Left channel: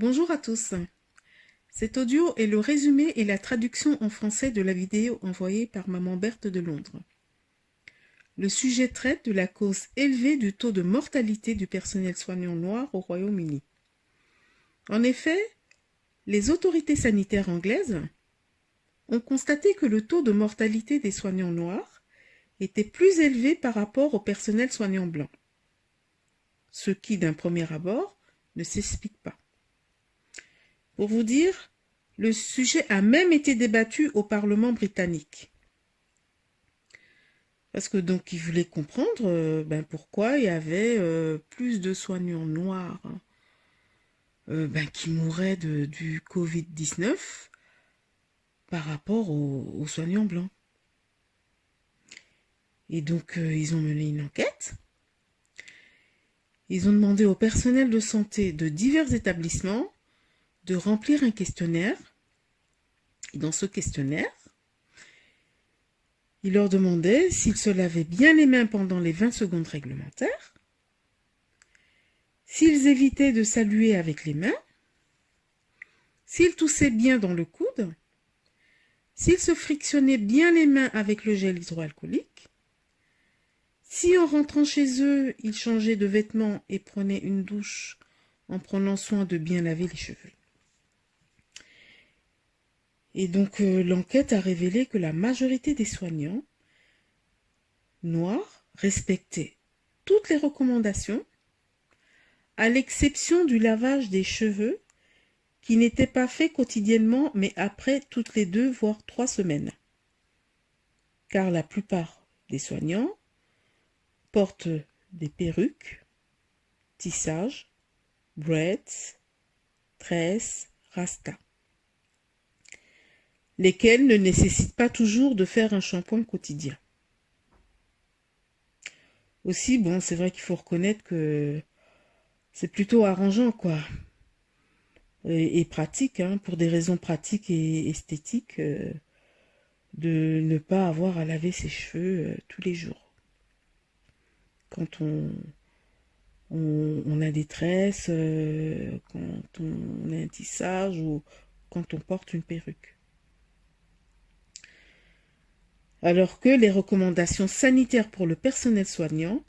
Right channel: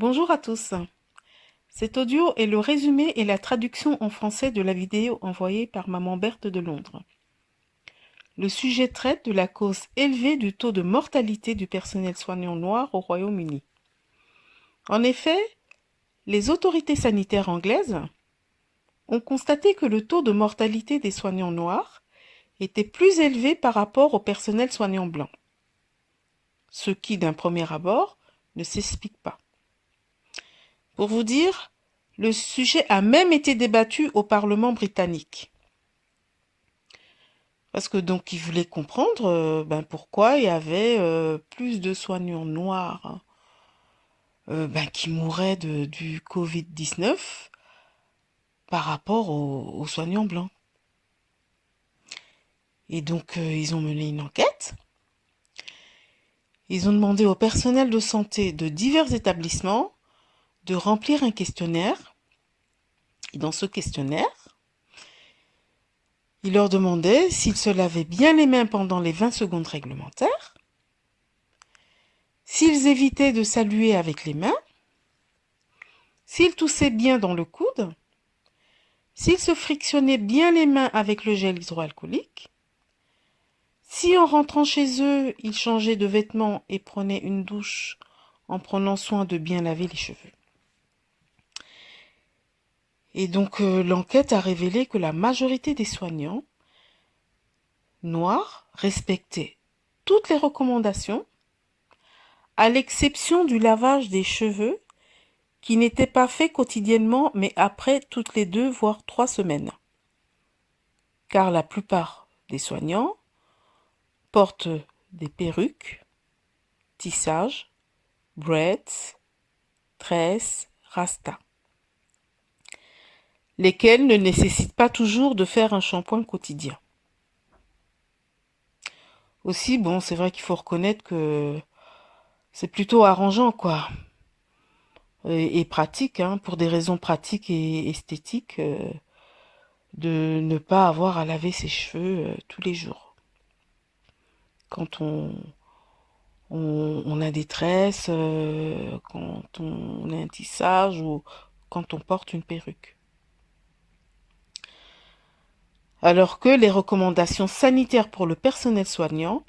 Bonjour à tous. Cet audio est le résumé et la traduction en français de la vidéo envoyée par Maman Berthe de Londres. Le sujet traite de la cause élevée du taux de mortalité du personnel soignant noir au Royaume-Uni. En effet, les autorités sanitaires anglaises ont constaté que le taux de mortalité des soignants noirs était plus élevé par rapport au personnel soignant blanc, ce qui, d'un premier abord, ne s'explique pas. Pour vous dire, le sujet a même été débattu au Parlement britannique. Parce que donc ils voulaient comprendre pourquoi il y avait plus de soignants noirs qui mouraient du Covid-19 par rapport aux soignants blancs. Et donc ils ont mené une enquête. Ils ont demandé au personnel de santé de divers établissements de remplir un questionnaire. Et dans ce questionnaire, ils leur demandaient s'ils se lavaient bien les mains pendant les 20 secondes réglementaires, s'ils évitaient de saluer avec les mains, s'ils toussaient bien dans le coude, s'ils se frictionnaient bien les mains avec le gel hydroalcoolique, si en rentrant chez eux, ils changeaient de vêtements et prenaient une douche en prenant soin de bien laver les cheveux. Et donc l'enquête a révélé que la majorité des soignants noirs respectaient toutes les recommandations, à l'exception du lavage des cheveux qui n'était pas fait quotidiennement mais après toutes les 2 voire 3 semaines. Car la plupart des soignants portent des perruques, tissages, braids, tresses, rasta, lesquels ne nécessitent pas toujours de faire un shampoing quotidien. Aussi, bon, c'est vrai qu'il faut reconnaître que c'est plutôt arrangeant, quoi, et pratique, hein, pour des raisons pratiques et esthétiques, de ne pas avoir à laver ses cheveux tous les jours. Quand on a des tresses, quand on a un tissage ou quand on porte une perruque. Alors que les recommandations sanitaires pour le personnel soignant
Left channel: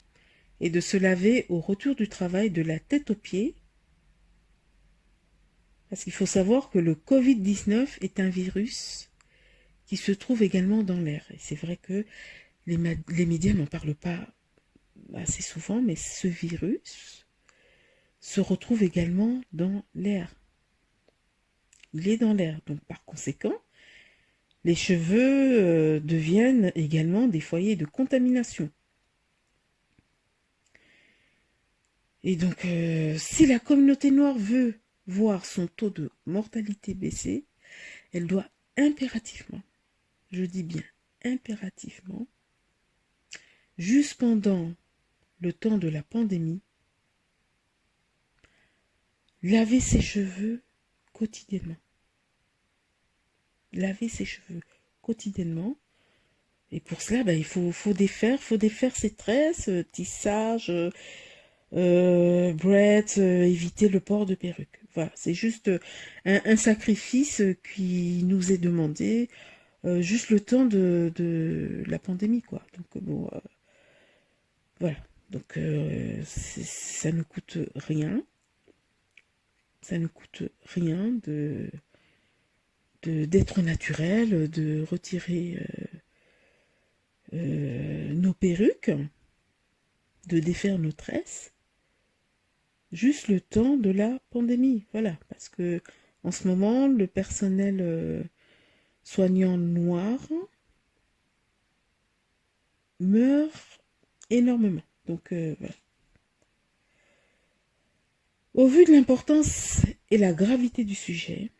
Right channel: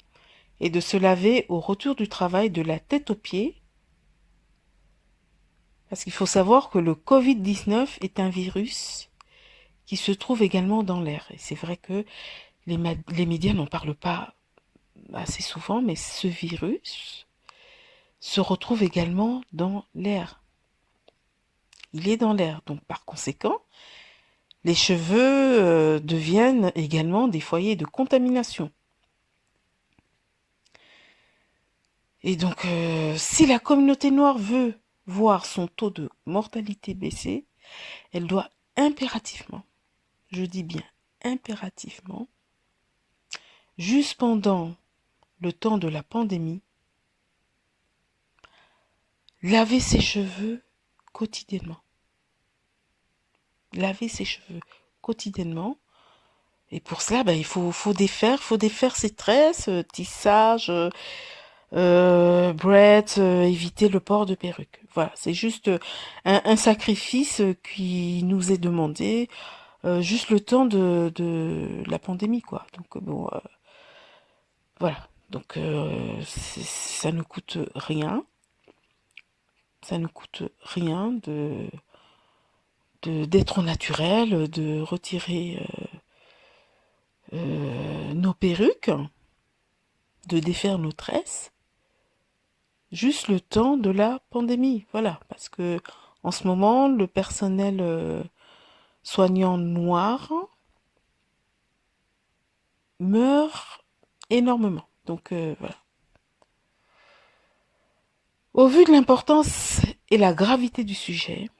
est de se laver au retour du travail de la tête aux pieds, parce qu'il faut savoir que le Covid-19 est un virus qui se trouve également dans l'air. Et c'est vrai que les médias n'en parlent pas assez souvent, mais ce virus se retrouve également dans l'air. Il est dans l'air, donc par conséquent, les cheveux deviennent également des foyers de contamination. Et donc, si la communauté noire veut voir son taux de mortalité baisser, elle doit impérativement, je dis bien impérativement, juste pendant le temps de la pandémie, laver ses cheveux quotidiennement. Laver ses cheveux quotidiennement. Et pour cela, il faut défaire ses tresses, tissage, braids, éviter le port de perruque. Voilà, c'est juste un sacrifice qui nous est demandé, juste le temps de la pandémie, quoi. Donc bon, voilà. Donc ça ne coûte rien. Ça ne coûte rien d'être au naturel, de retirer nos perruques, de défaire nos tresses, juste le temps de la pandémie. Voilà, parce que en ce moment, le personnel soignant noir meurt énormément. Donc voilà. Au vu de l'importance et la gravité du sujet,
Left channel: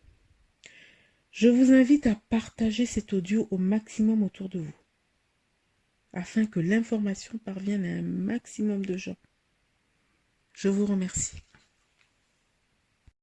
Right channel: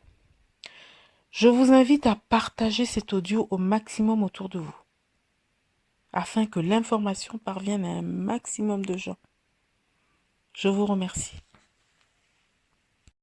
je vous invite à partager cet audio au maximum autour de vous, afin que l'information parvienne à un maximum de gens. Je vous remercie.